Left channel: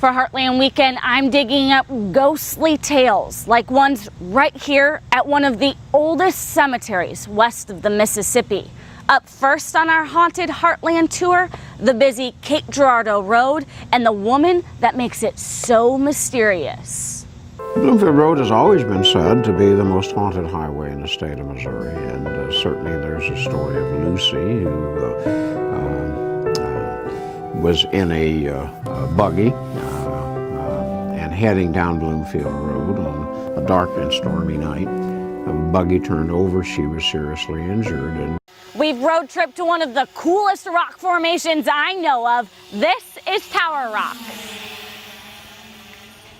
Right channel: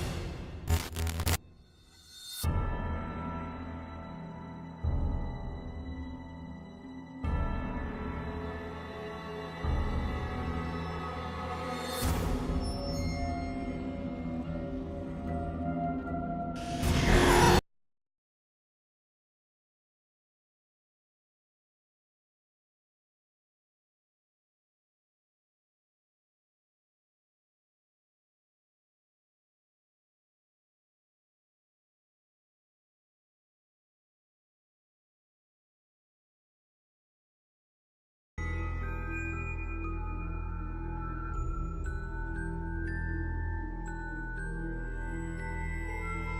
For Heartland Weekend, I'm digging up ghostly tales like ones right here at one of the oldest cemeteries west of the Mississippi. Up first on our Haunted Heartland tour, the busy Cape Girardeau Road and the woman that makes it so mysterious. Bloomfield Road has always been said to be the most haunted highway in the state of Missouri, and certainly there's a story of Lucy who was in a buggy and heading down Bloomfield Road on a dark and stormy night. The buggy turned over, she was seriously injured. And we've road tripped to one of the coolest rock formations I know of. This is Tower Rock,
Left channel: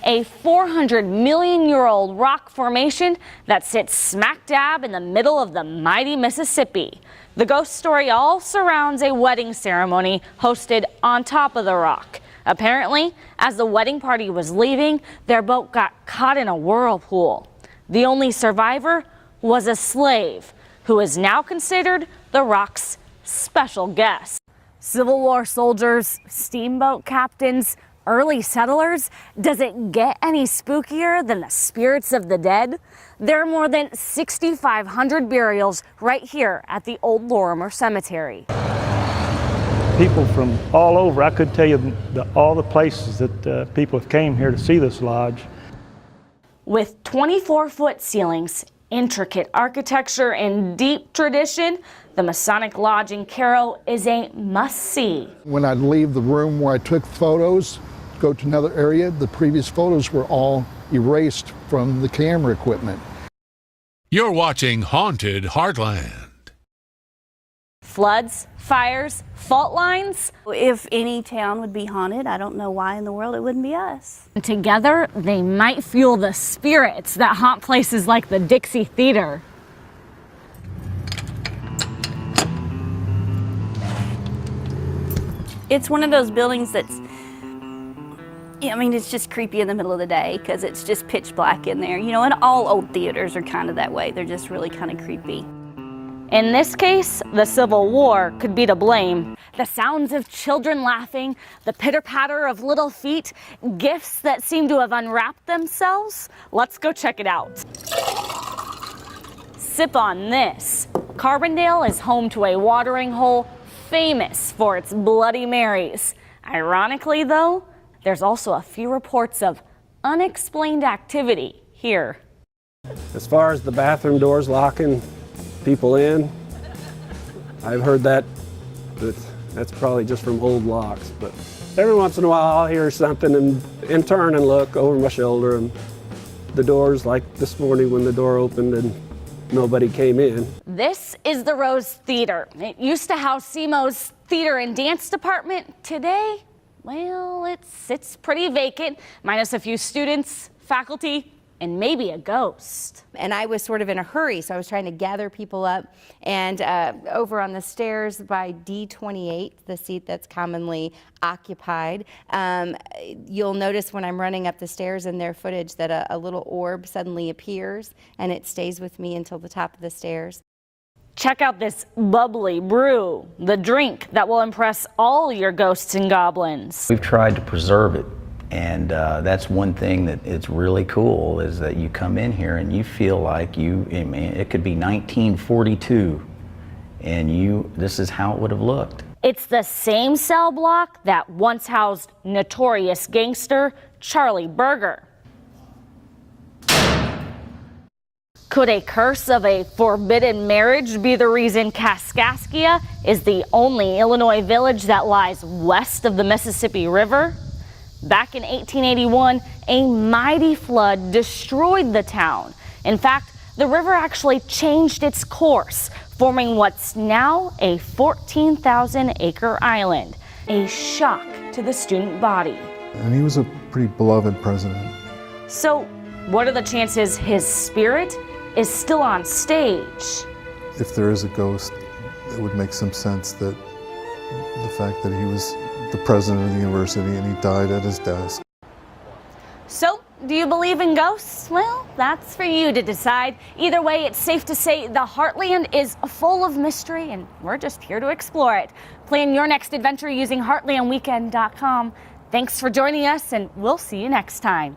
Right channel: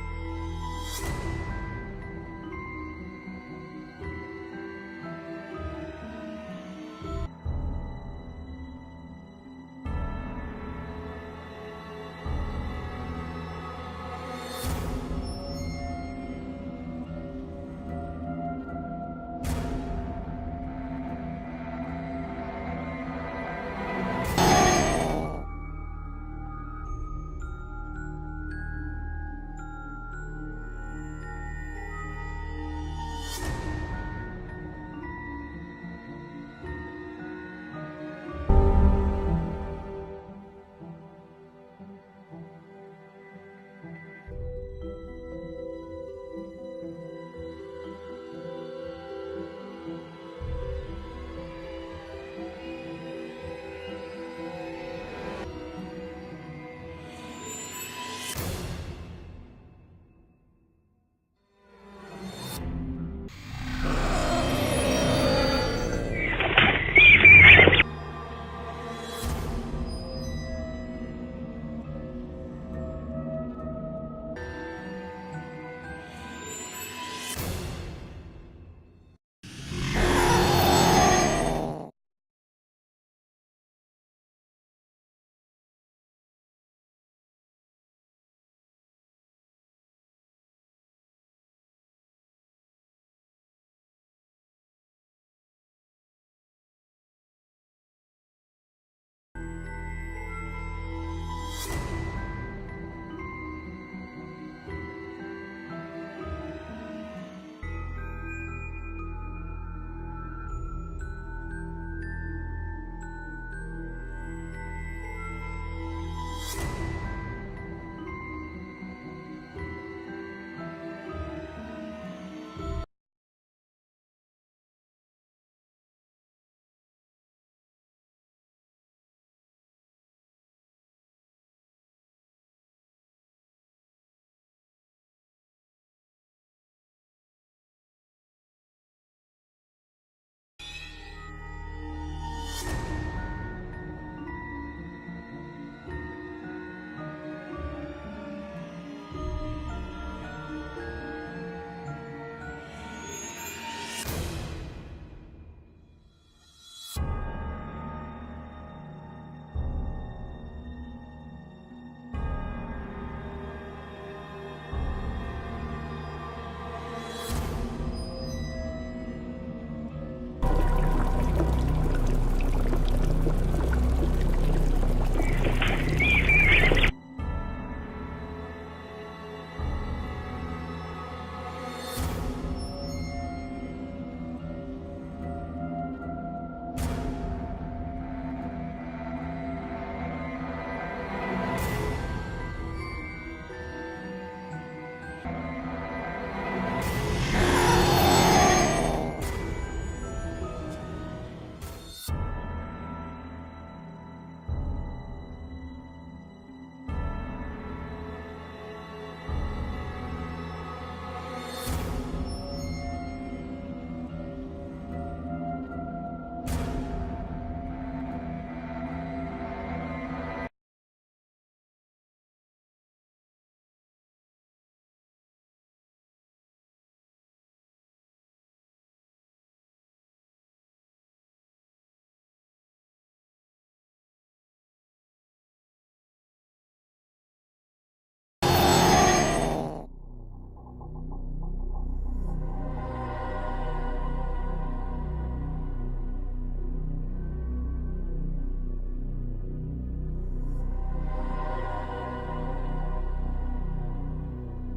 a 400-million-year-old rock formation that sits smack dab in the middle of the mighty Mississippi. The ghost story all surrounds a wedding ceremony hosted on top of the rock. Apparently, as the wedding party was leaving, their boat got caught in a whirlpool. The only survivor was a slave, who is now considered the rock's special guest. Civil War soldiers, steamboat captains, early settlers, does it get any spookier than the spirits of the dead? There are more than 6,500 burials right here at the old Lorimer Cemetery. People from all over, I could tell you all the places that people came here to see this lodge. With 24-foot ceilings, intricate architecture, and deep tradition, the Masonic Lodge in Cairo is a must-see. When I'd leave the room where I took photos, go to another area, the previous photos were all erased from the camera equipment. You're watching Haunted Heartland. Floods, fires, fault lines. If any town would be haunted, I don't know why in the world it wouldn't be us. Together, they might fuel the spirits that haunt places like the Dixie Theater. It's one of those buildings that's, I mean, it's just creepy in the middle of the day because it's just pitch black in there. You know, and all old theaters are kind of that way. They're just really kind of creepy. In this case, the Civil War could be to blame. The sounds of children laughing, the pitter-patter of little feet, gifts that seem to have unwrapped themselves. Let's go check it out. Sip on this. Carbondale is home to a watering hole famous for its Bloody Marys. Ironically, though, there's also a few reports of unexplained activity here. As far as the bathroom doors locking people in, I've heard that, but that's probably just from old locks. But every once in a while I'll hear something and turn and look over my shoulder, and the doors, like this morning when the door opened and nobody came in. This is the Rose Theater. It used to house SEMO's theater and dance department. Today, well, it sits pretty vacant, minus a few students, faculty, and maybe a ghost. And I was sort of in a hurry, so I was trying to gather people up. And over on the stairs by D28, the seat that's commonly occupied, you'll notice when I'm running up the stairs in their footage that a little orb suddenly appears, and it stays with me until the top of the stairs. Check out this bubbly brew, the drink that will impress all your ghosts and goblins. We've tried to preserve it, and that's one thing that it's really cool, is that you come in here and you feel like it could be 1942, and this is how it would have looked. It's the same cell block that once housed notorious gangster Charlie Berger. Could a curse of a forbidden marriage be the reason Kaskaskia is the only Illinois village that lies west of the Mississippi River? Back in 1881, a mighty flood destroyed the town. In fact, the river actually changed its course, forming what's now a 14,000-acre island, a shock to the student body. And he was a pretty beloved president. So, what are the chances his spirit is still on stage? If there is a ghost, it would make some sense that the fact that he was the president of the university and he died at his desk. So, do you believe in ghosts? Well, that's for you to decide. Either way, it's safe to say the Heartland is full of mystery, and we're just here to explore it. Plan your next adventure using heartlandweekend.com. Thanks for joining us, and we'll see you next time.